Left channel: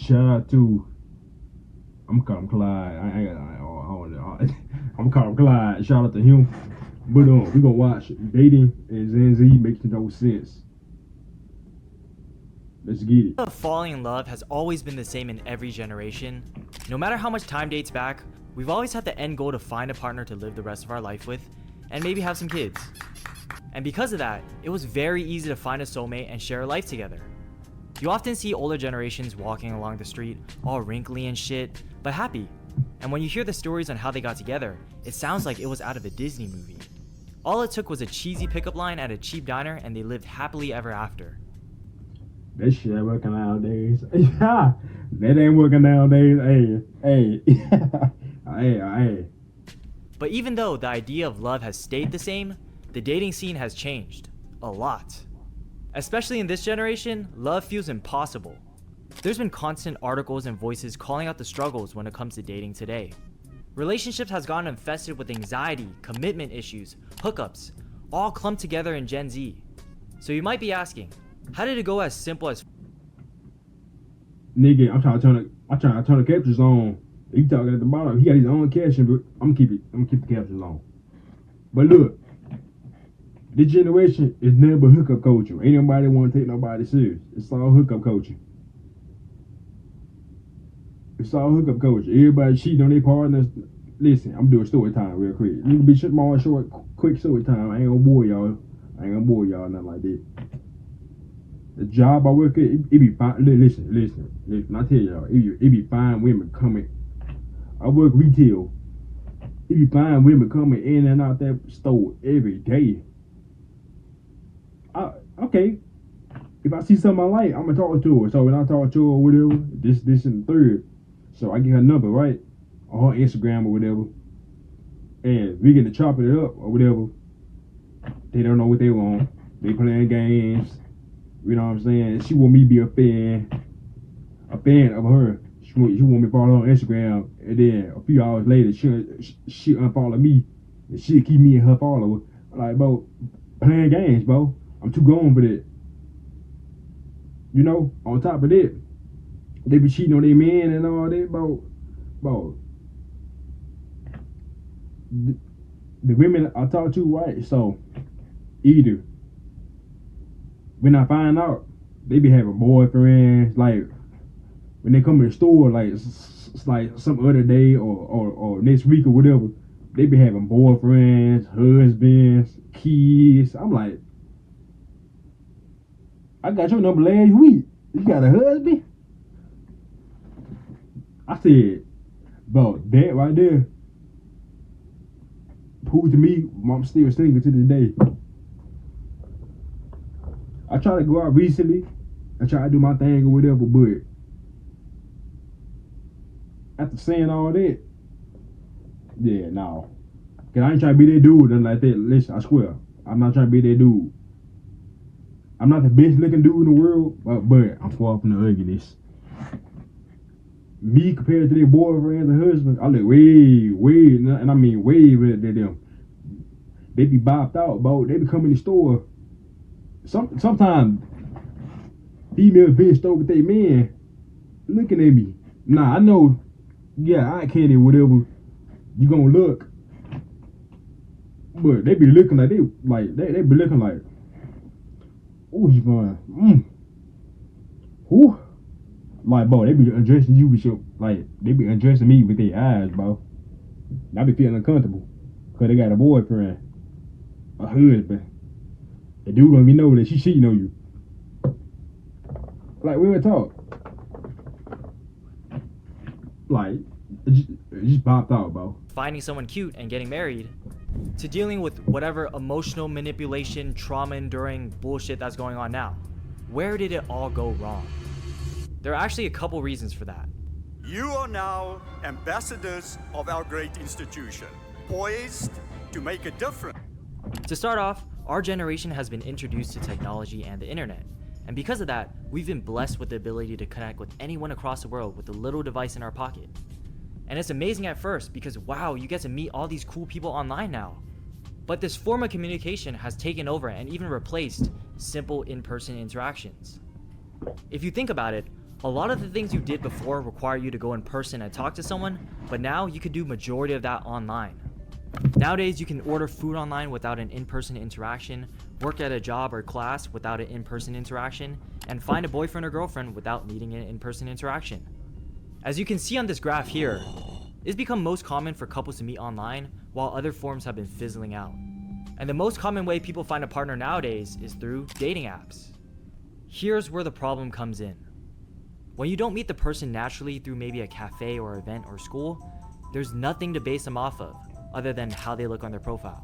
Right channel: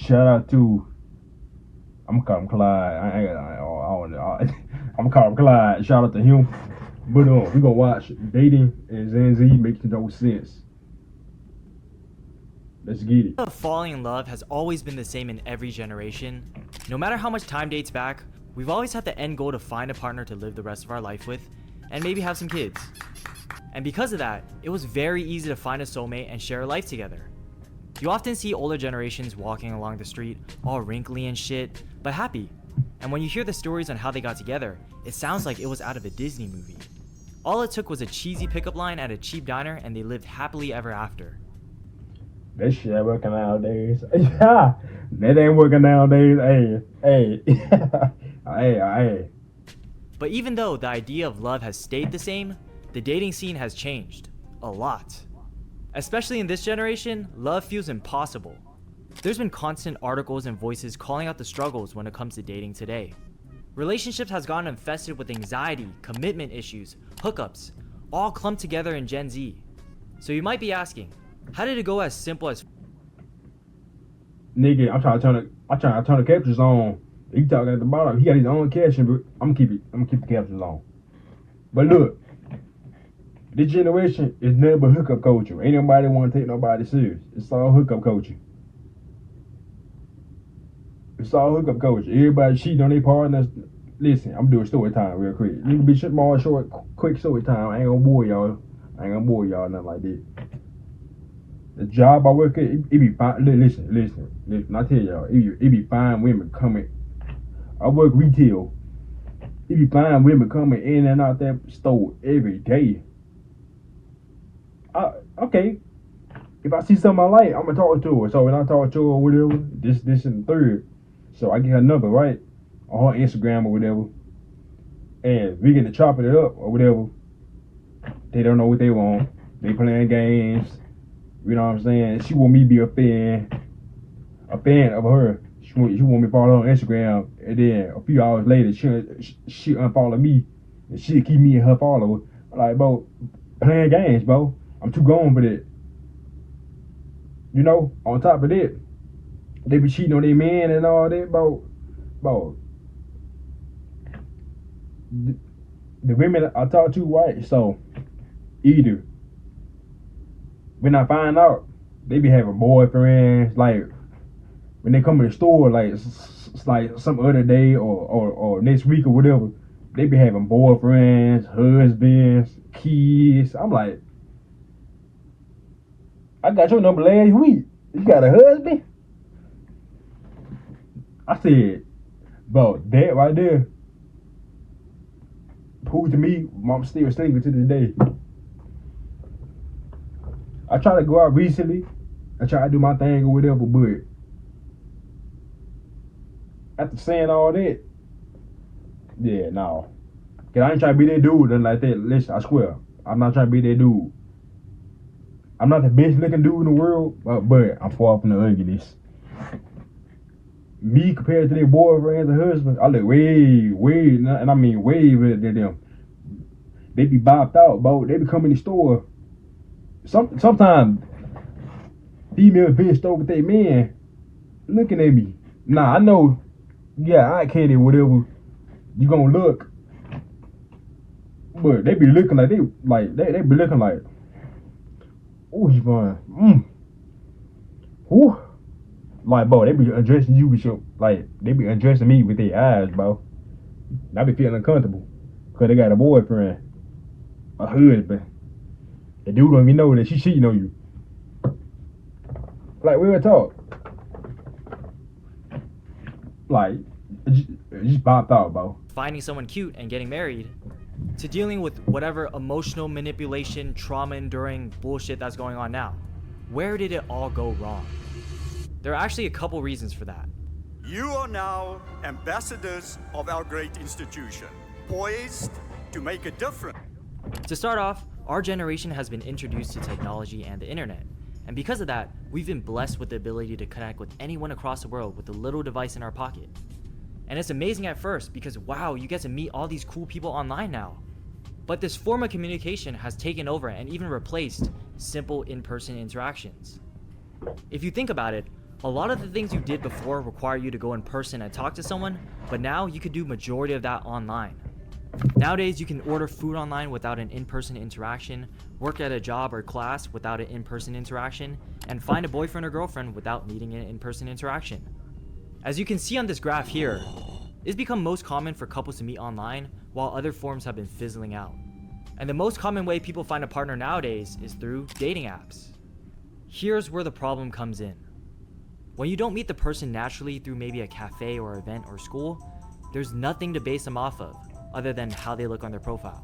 Shout out to I'm gonna call him Clyde. I'm gonna call him Clyde. Shout out to him. But we gonna watch Dating and Gen Z making no sense. Let's get it. Falling in love has always been the same in every generation. No matter how much time dates back, we've always had the end goal to find a partner to live the rest of our life with, and maybe have some kids. And because of that, it was very easy to find a soulmate and share a life together. You often see older generations walking along the street, all wrinkly and shit, but happy. And when you hear the stories on how they got together, it sounds like it was out of a Disney movie. All it took was a cheesy pickup line at a cheap diner and they lived happily ever after. That shit ain't working nowadays. Yeah, that ain't working nowadays. Hey. Hey. But even though the idea of love has stayed the same, the dating scene has changed. A lot. Especially in this generation, love feels impossible. There's been constant articles and voices calling out the struggles when it comes to dating today. Relationships has gotten infested with anxiety, commitment issues, hookups, all clumped together in Gen Z. So you might be asking, how did it go as simple as Nigga, I'm trying to turn the captions on. He talking at the bottom. He got his own caption, but I'm gonna keep the captions on. But look, this generation is nothing but hookup culture. Ain't nobody want to take nobody serious. It's all hookup culture. It's all hookup culture. Everybody cheating on their partners. Listen, I'm doing story time real quick. Need to be short, quick story time. I ain't gonna bore y'all. Nothing like that. The job I work at, it be fine. Listen. I tell y'all, it be fine women coming. I work retail. It be fine women coming in and out that store every day. Okay. If I see something I like, I'm gonna talk to her. So when I talk to her or whatever, this and the third. So I get her number, right? On her Instagram or whatever. And we get to chopping it up or whatever. They don't know what they want. They playing games. You know what I'm saying? She want me to be a fan of her. She want me to follow her on Instagram. And then a few hours later, she unfollow me. And she'll keep me and her follower. Like, bro, playing games, bro. I'm too gone for that. You know, on top of that, they be cheating on their man and all that, bro. The women I talk to, right? So, either when I find out, they be having boyfriends, like, when they come in the store, like, it's like some other day or next week or whatever, they be having boyfriends, husbands, kids. I'm like, I got your number last week. You got a husband? I said, bro, that right there proved to me I'm still single to this day. I tried to go out recently. I tried to do my thing or whatever, but after saying all that, yeah, no. Cause I ain't trying to be that dude or nothing like that. Listen, I swear, I'm not trying to be that dude. I'm not the best looking dude in the world, but I'm far from the ugliness. Me compared to their boyfriends and husbands, I look way, and I mean way better than them. They be bopped out, bro. They be coming in the store. Sometimes females be in the store with their man looking at me. Nah, I know, yeah, I can't do whatever you gonna look. But they be looking like they be looking like, ooh, he fine. Ooh. Like, bro, they be undressing you with your, like, they be undressing me with their eyes, bro. I be feeling uncomfortable. Cause they got a boyfriend, a husband. The dude don't even know that she cheating on you. Like, real talk. Like, just popped out, bro. finding someone cute and getting married, to dealing with whatever emotional manipulation, trauma enduring bullshit that's going on now? Where did it all go wrong? There are actually a couple reasons for that. You are now ambassadors of our great institution, poised to make a difference. To start off, our generation has been introduced to technology and the internet. And because of that, we've been blessed with the ability to connect with anyone across the world with a little device in our pocket. And it's amazing at first because wow, you get to meet all these cool people online now. But this form of communication has taken over and even replaced simple in-person interactions. If you think about it, A lot of the things you did before require you to go in person and talk to someone, but now you could do majority of that online. Nowadays, you can order food online without an in-person interaction, work at a job or class without an in-person interaction, and find a boyfriend or girlfriend without needing an in-person interaction. As you can see on this graph here, it's become most common for couples to meet online, while other forms have been fizzling out. And the most common way people find a partner nowadays is through dating apps. Here's where the problem comes in. When you don't meet the person naturally through maybe a cafe or event or school, there's nothing to base them off of other than how they look on their profile.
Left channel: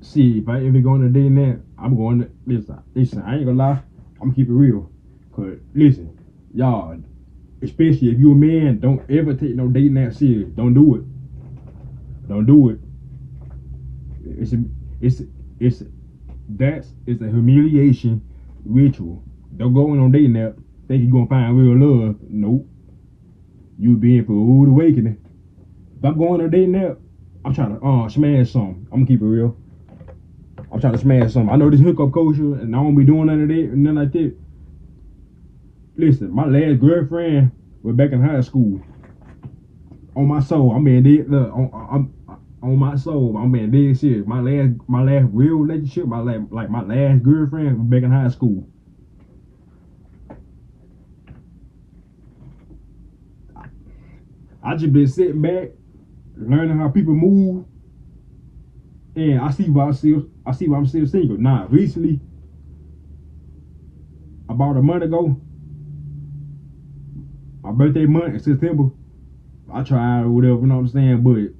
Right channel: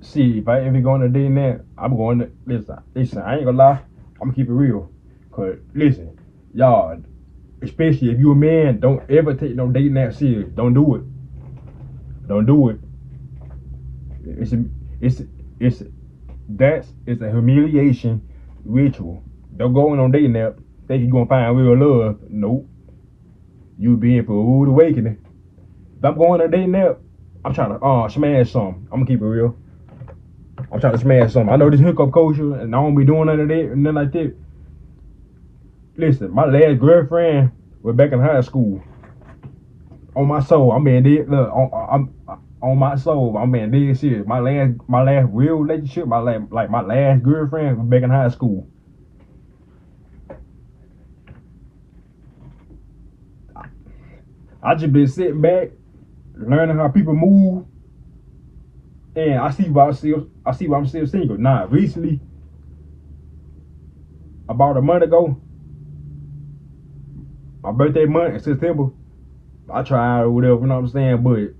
See, if I ever go on a dating app, I'm going to listen, I ain't gonna lie, I'm gonna keep it real. Cause listen, y'all, especially if you a man, don't ever take no dating app serious. Don't do it. Don't do it. It's a humiliation ritual. Don't go on dating app think you gonna find real love. Nope. You be in for a rude awakening. If I'm going on a dating app, I'm trying to smash something. I'm gonna keep it real. I'm trying to smash something. I know this hookup culture and I don't be doing none of that, nothing like that. Listen, my last girlfriend was back in high school. On my soul, I'm being dead. Look, on my soul, I'm being dead serious. My last real relationship, my last girlfriend was back in high school. I just been sitting back, learning how people move, and I see why I'm still single. Nah, recently, about a month ago, my birthday month in September, I tried or whatever, you know what I'm saying, but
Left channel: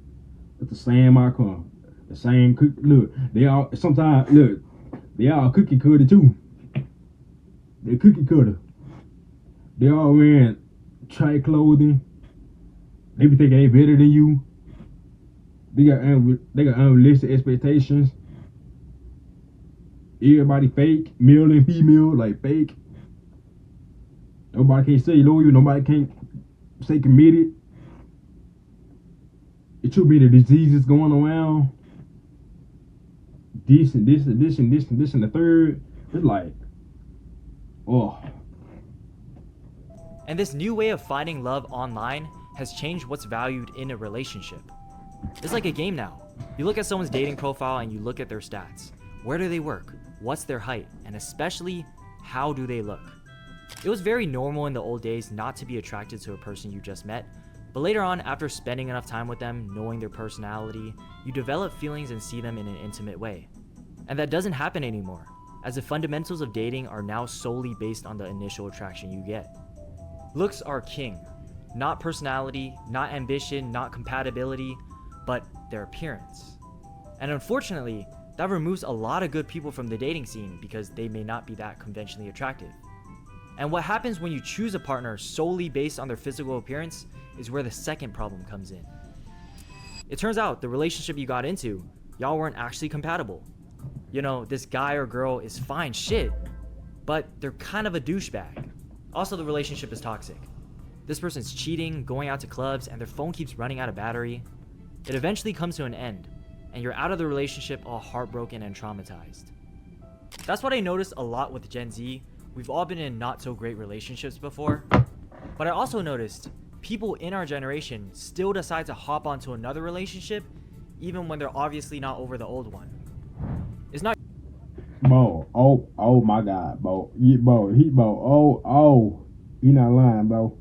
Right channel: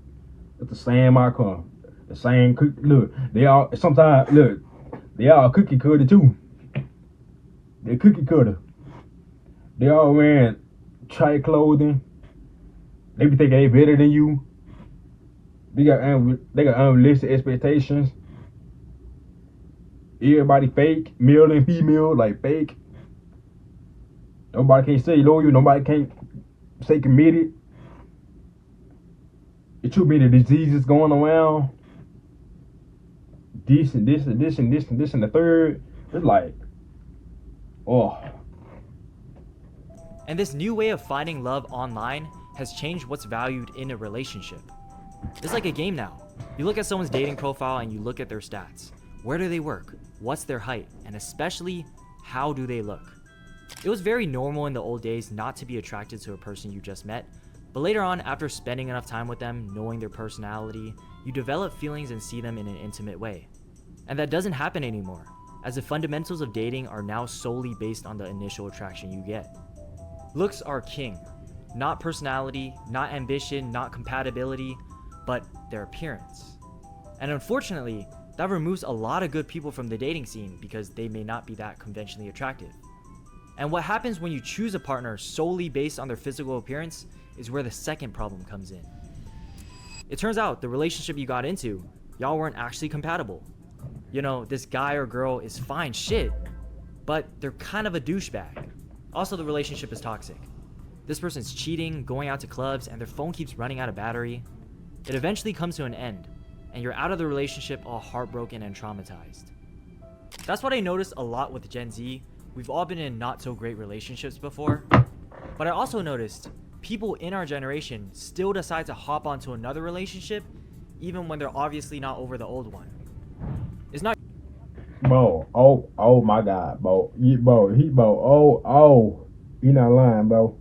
it's the same outcome. The same cook. Look, they all sometimes look, they all cookie cutter too. They cookie cutter. They all wearing tight clothing. They be thinking they better than you. They got unrealistic expectations. Everybody fake, male and female, like fake. Nobody can say loyal. Nobody can't say committed. It's too many diseases going around. This and the third. It's like, oh. And this new way of finding love online has changed what's valued in a relationship. It's like a game now. You look at someone's dating profile and you look at their stats. Where do they work? What's their height? And especially, how do they look? It was very normal in the old days not to be attracted to a person you just met, but later on, after spending enough time with them, knowing their personality, you develop feelings and see them in an intimate way. And that doesn't happen anymore, as the fundamentals of dating are now solely based on the initial attraction you get. Looks are king. Not personality, not ambition, not compatibility, but their appearance. And unfortunately, that removes a lot of good people from the dating scene because they may not be that conventionally attractive. And what happens when you choose a partner solely based on their physical appearance is where the second problem comes in. It turns out the relationship you got into, y'all weren't actually compatible. You know, this guy or girl is fine shit, but they're kind of a douchebag. Also, the relationship is toxic. This person's cheating, going out to clubs, and their phone keeps running out of battery. It eventually comes to an end, and you're out of the relationship all heartbroken and traumatized. That's what I noticed a lot with Gen Z. We've all been in not so great relationships before, but I also noticed people in our generation still decide to hop onto another relationship even when they're obviously not over the old one. It's not. Bro, oh my God, bro. He not lying, bro.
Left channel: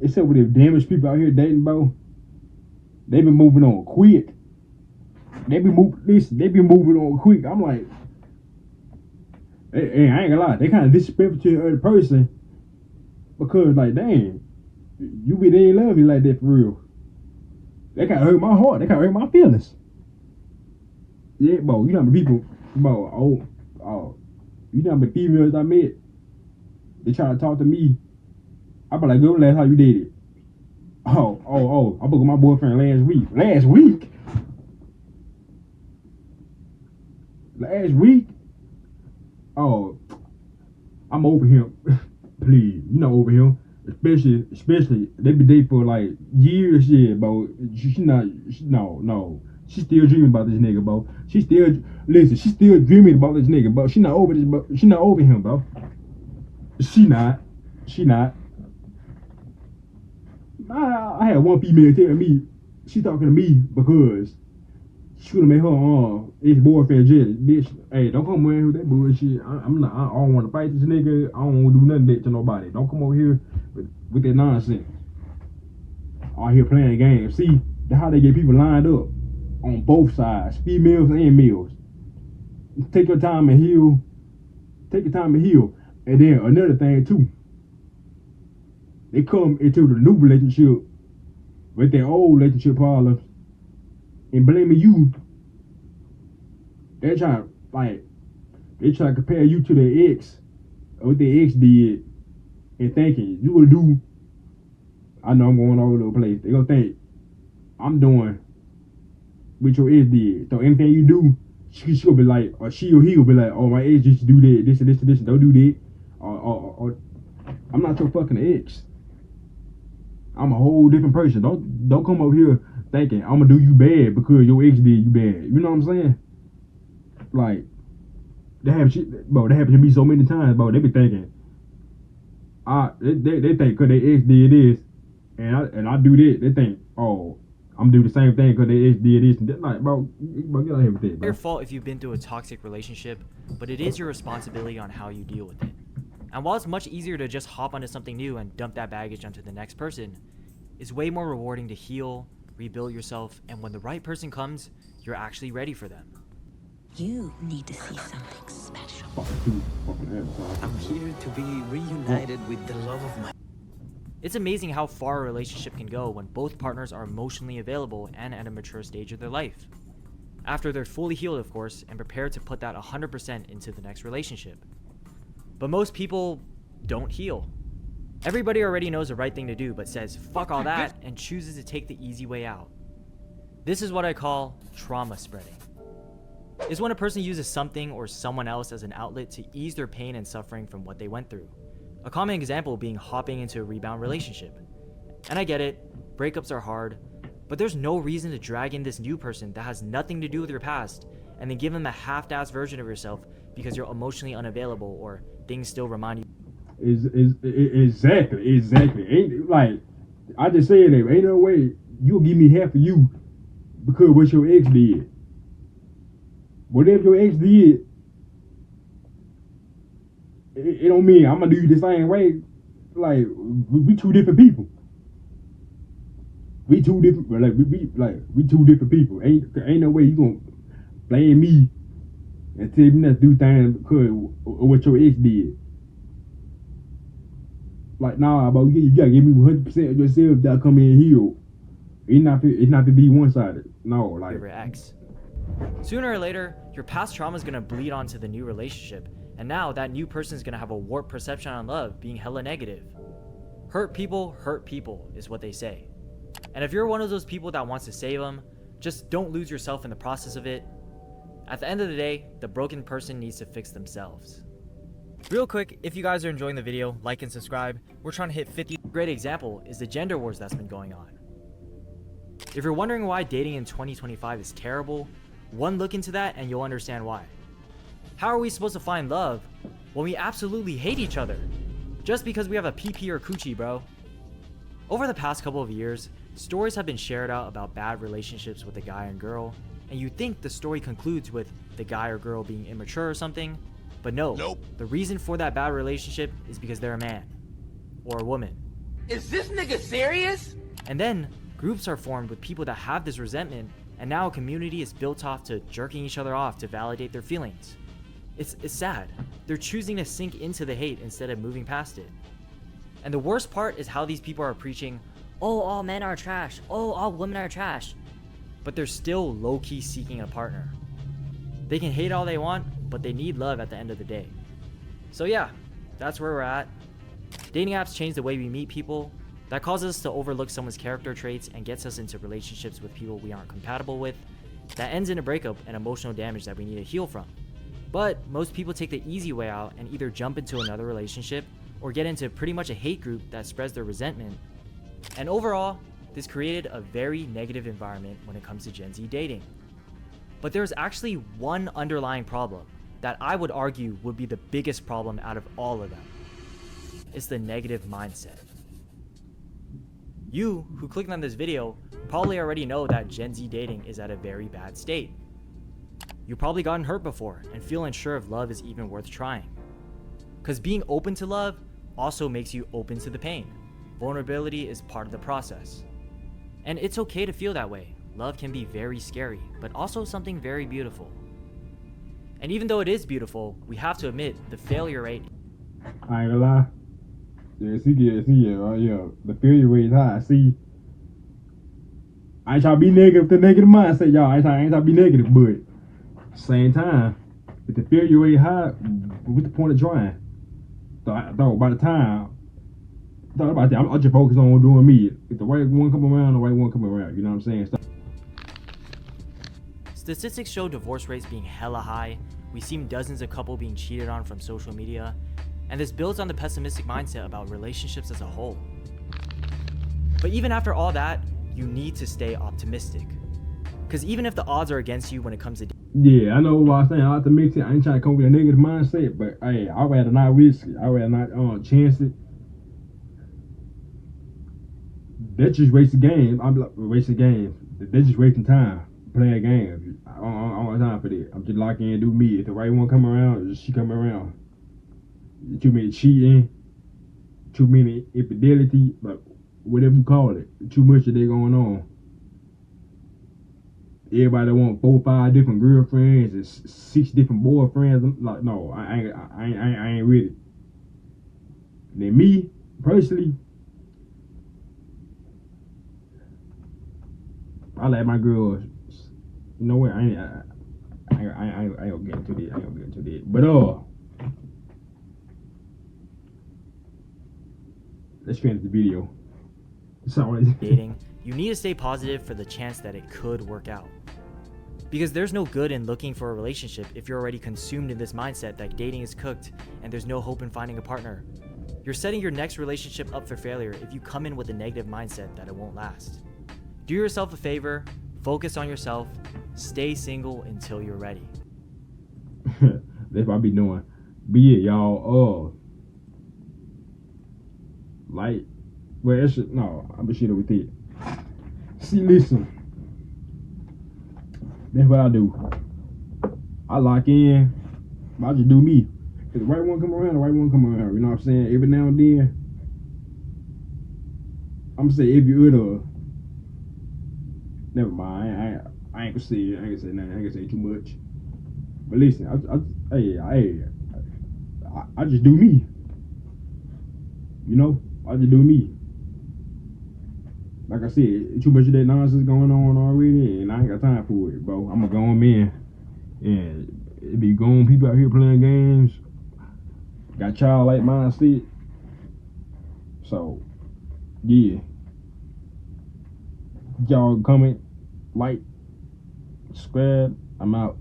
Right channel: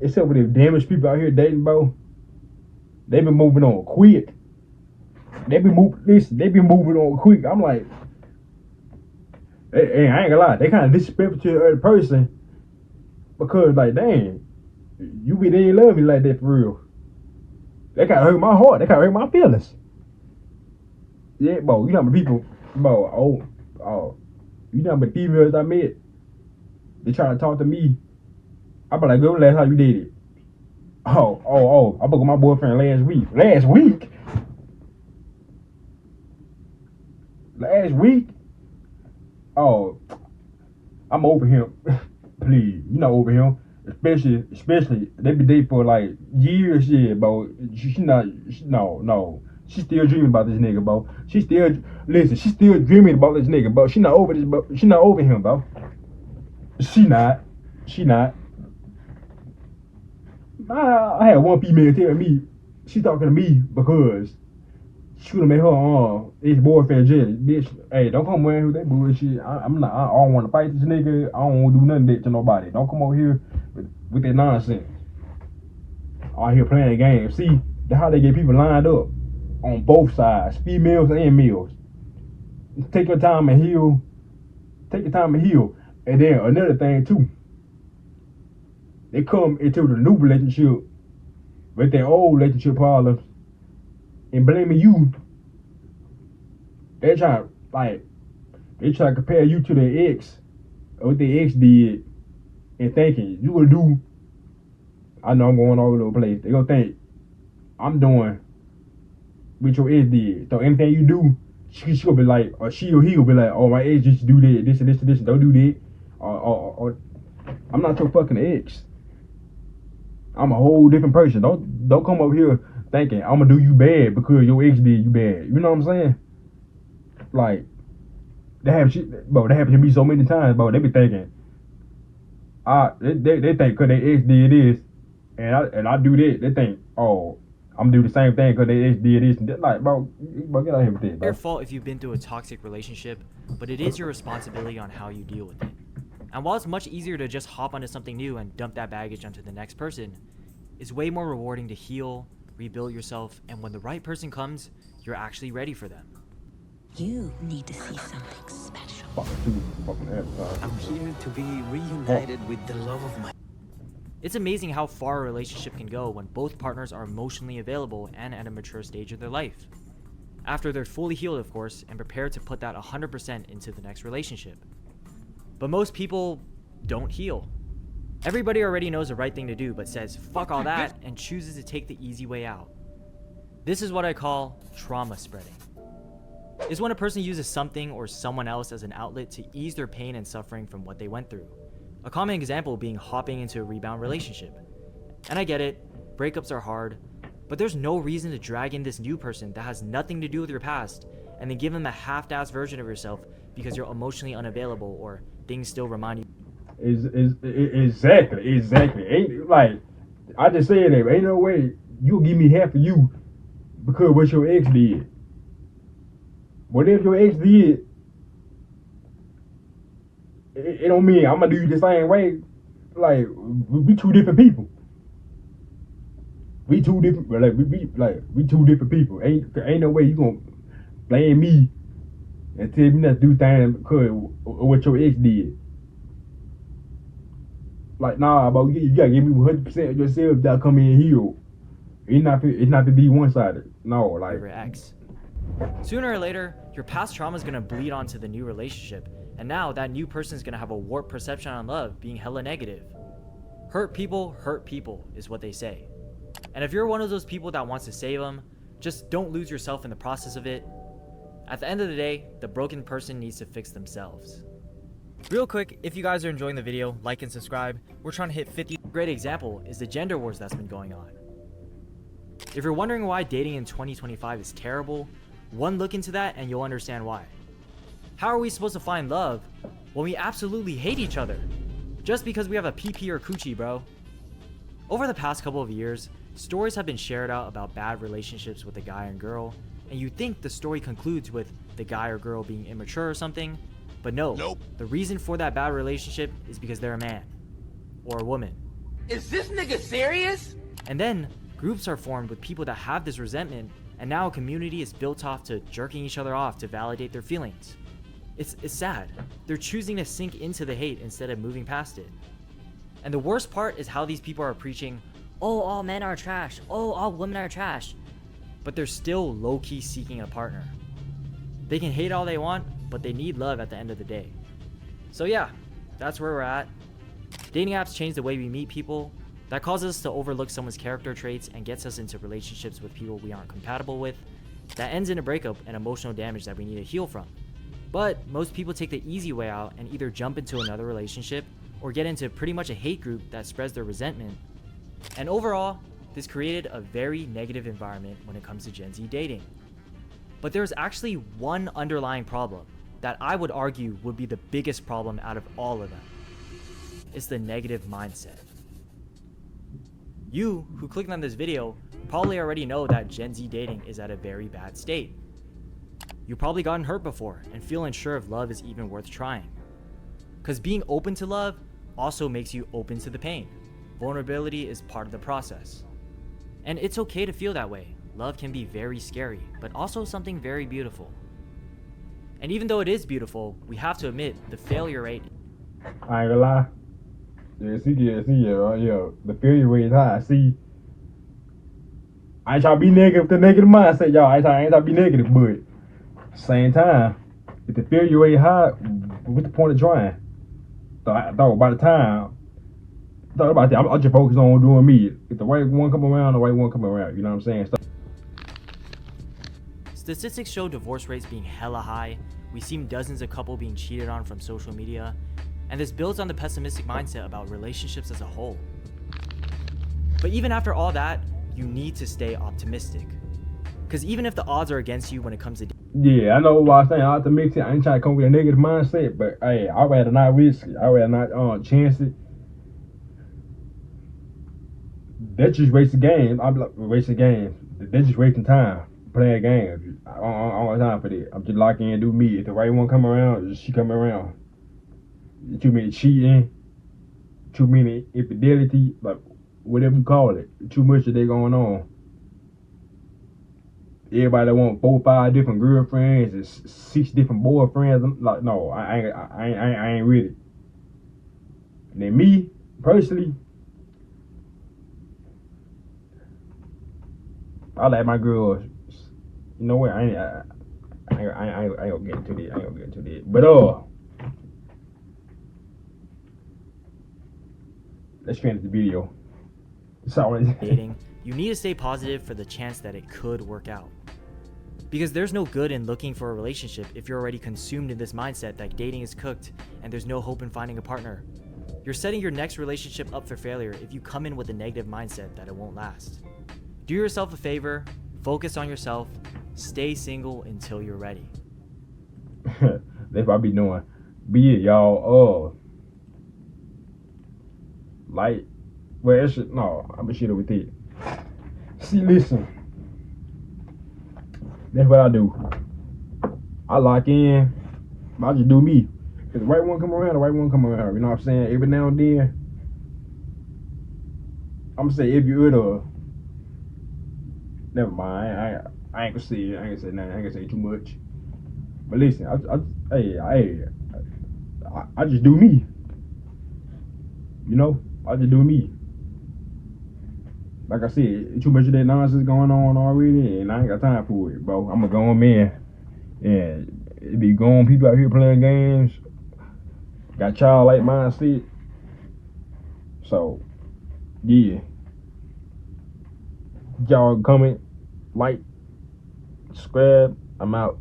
Except for the damaged people out here dating, bro. They been moving on quick. They been moving on quick. I'm like, hey, I ain't gonna lie, they kind of disrespectful to the other person because, like, dang, you didn't love me like that for real. They kind of hurt my heart. They kind of hurt my feelings. Yeah, bro, you know how many people, bro, you know how many females I met, they try to talk to me. I be like, go last time you dated. I booked with my boyfriend last week. Last week? Oh, I'm over him. Please, you not over him. Especially they be dating for like years, yeah, bro. No. She still dreaming about this nigga, bro. She still dreaming about this nigga, bro. She not over him, bro. She not. She not. I had one female tell me she talking to me because she would have made her ex boyfriend jealous. Bitch, hey, don't come around with that bullshit. I'm not. I don't want to fight this nigga. I don't want to do nothing that to nobody. Don't come over here with that nonsense. Out here playing games. See, that's how they get people lined up on both sides, females and males. Take your time and heal. Take your time and heal. And then another thing too, they come into the new relationship with their old relationship problems and blaming you. They try to compare you to their ex or what their ex did and thinking you gonna do. I know I'm going all over the place. They gonna think I'm doing what your ex did. So anything you do, she gonna be like, or she or he gonna be like, oh, my ex used to do that, this and this and this, and don't do that. Or I'm not your fucking ex. I'm a whole different person. Don't come over here thinking I'm gonna do you bad because your ex did you bad. You know what I'm saying? Like that happened to me so many times, bro. They be thinking, they think cause they ex did this, and I do that. They think, oh, I'm gonna do the same thing cause they ex did this. And that. Like, bro, get out here with this, bro. Your fault if you've been through a toxic relationship, but it is your responsibility on how you deal with it. And while it's much easier to just hop onto something new and dump that baggage onto the next person, it's way more rewarding to heal, rebuild yourself, and when the right person comes, you're actually ready for them. You need to see something special. I'm here to be reunited with the love of my... It's amazing how far a relationship can go when both partners are emotionally available and at a mature stage of their life. After they're fully healed, of course, and prepared to put that 100% into the next relationship. But most people don't heal. Everybody already knows the right thing to do, but says fuck all that and chooses to take the easy way out. This is what I call trauma spreading. It's when a person uses something or someone else as an outlet to ease their pain and suffering from what they went through. A common example being hopping into a rebound relationship. And I get it, breakups are hard, but there's no reason to drag in this new person that has nothing to do with your past and then give them a half-assed version of yourself because you're emotionally unavailable or things still remind you. Exactly. Ain't like I just said that. Ain't no way you'll give me half of you because what your ex did. What if your ex did? It don't mean I'm gonna do you the same way. Like we two different people. We two different. We two different people. Ain't no way you gonna blame me and tell me not to do things because of what your ex did. Like, nah, but you gotta give me 100% of yourself that come in healed. It's not to be one-sided. No, like Your ex. Sooner or later, your past trauma is gonna bleed onto the new relationship, and now that new person is gonna have a warped perception on love, being hella negative. Hurt people is what they say. And if you're one of those people that wants to save them, just don't lose yourself in the process of it. At the end of the day, the broken person needs to fix themselves. Real quick, if you guys are enjoying the video, like and subscribe. We're trying to hit 50. A great example is the gender wars that's been going on. If you're wondering why dating in 2025 is terrible, one look into that and you'll understand why. How are we supposed to find love when we absolutely hate each other? Just because we have a PP or coochie, bro. Over the past couple of years, stories have been shared out about bad relationships with a guy and girl, and you think the story concludes with the guy or girl being immature or something, but no. Nope. The reason for that bad relationship is because they're a man or a woman. Is this nigga serious? And then groups are formed with people that have this resentment, and now a community is built off to jerking each other off to validate their feelings. It's sad. They're choosing to sink into the hate instead of moving past it. And the worst part is how these people are preaching, oh, all men are trash, oh, all women are trash, but they're still low-key seeking a partner. They can hate all they want, but they need love at the end of the day. So yeah, that's where we're at. Dating apps change the way we meet people. That causes us to overlook someone's character traits and gets us into relationships with people we aren't compatible with. That ends in a breakup and emotional damage that we need to heal from. But most people take the easy way out and either jump into another relationship or get into pretty much a hate group that spreads their resentment. And overall, this created a very negative environment when it comes to Gen Z dating. But there's actually one underlying problem that I would argue would be the biggest problem out of all of them. It's the negative mindset. You, who clicked on this video, probably already know that Gen Z dating is at a very bad state. You've probably gotten hurt before and feel unsure if love is even worth trying. Because being open to love also makes you open to the pain. Vulnerability is part of the process. And it's okay to feel that way. Love can be very scary, but also something very beautiful. And even though it is beautiful, we have to admit the failure rate. I ain't gonna lie. Yeah, right? Yeah, the failure rate is high. See, I ain't trying to be negative with the negative mindset, y'all. I ain't trying to be negative, but same time, if the failure rate high, what's the point of trying? I thought by the time, I'll just focus on doing me. If the right one come around, the right one come around. You know what I'm saying? Statistics show divorce rates being hella high. We've seen dozens of couples being cheated on from social media. And this builds on the pessimistic mindset about relationships as a whole. But even after all that, you need to stay optimistic. Because even if the odds are against you when it comes to yeah, I know what I'm saying. Optimistic. I ain't trying to come with a negative mindset, but hey, I'd rather not risk it. I'd rather not chance it. That's just wasting game. I'm like, wasting game. That's just wasting time playing games. I don't got time for that. I'm just lock in and do me. If the right one come around, she come around. Too many cheating, too many infidelity, like whatever you call it. Too much of that going on. Everybody that want 4 or 5 different girlfriends and 6 different boyfriends. I'm like, no, I ain't with it. And then me personally, I like my girls. You know what? I ain't gonna get into that. I ain't gonna get into that. But let's finish the video. Sorry. dating, you need to stay positive for the chance that it could work out. Because there's no good in looking for a relationship if you're already consumed in this mindset that dating is cooked and there's no hope in finding a partner. You're setting your next relationship up for failure if you come in with a negative mindset that it won't last. Do yourself a favor, focus on yourself, stay single until you're ready. That's what I be doing. Be it, y'all. Like, well, it should, no, I be shitting with it. See, listen. That's what I do. I lock in. I just do me. If the right one come around, the right one come around. You know what I'm saying? Every now and then, I'm gonna say if you're in a. Never mind. I ain't gonna say it. I ain't gonna say nothing. I ain't gonna say too much. But listen, I just do me. You know, I just do me. Like I said, too much of that nonsense going on already, and I ain't got time for it, bro. I'm a grown man, and it be grown people out here playing games. Got childlike mindset. So, yeah. Y'all comment, like, subscribe. I'm out.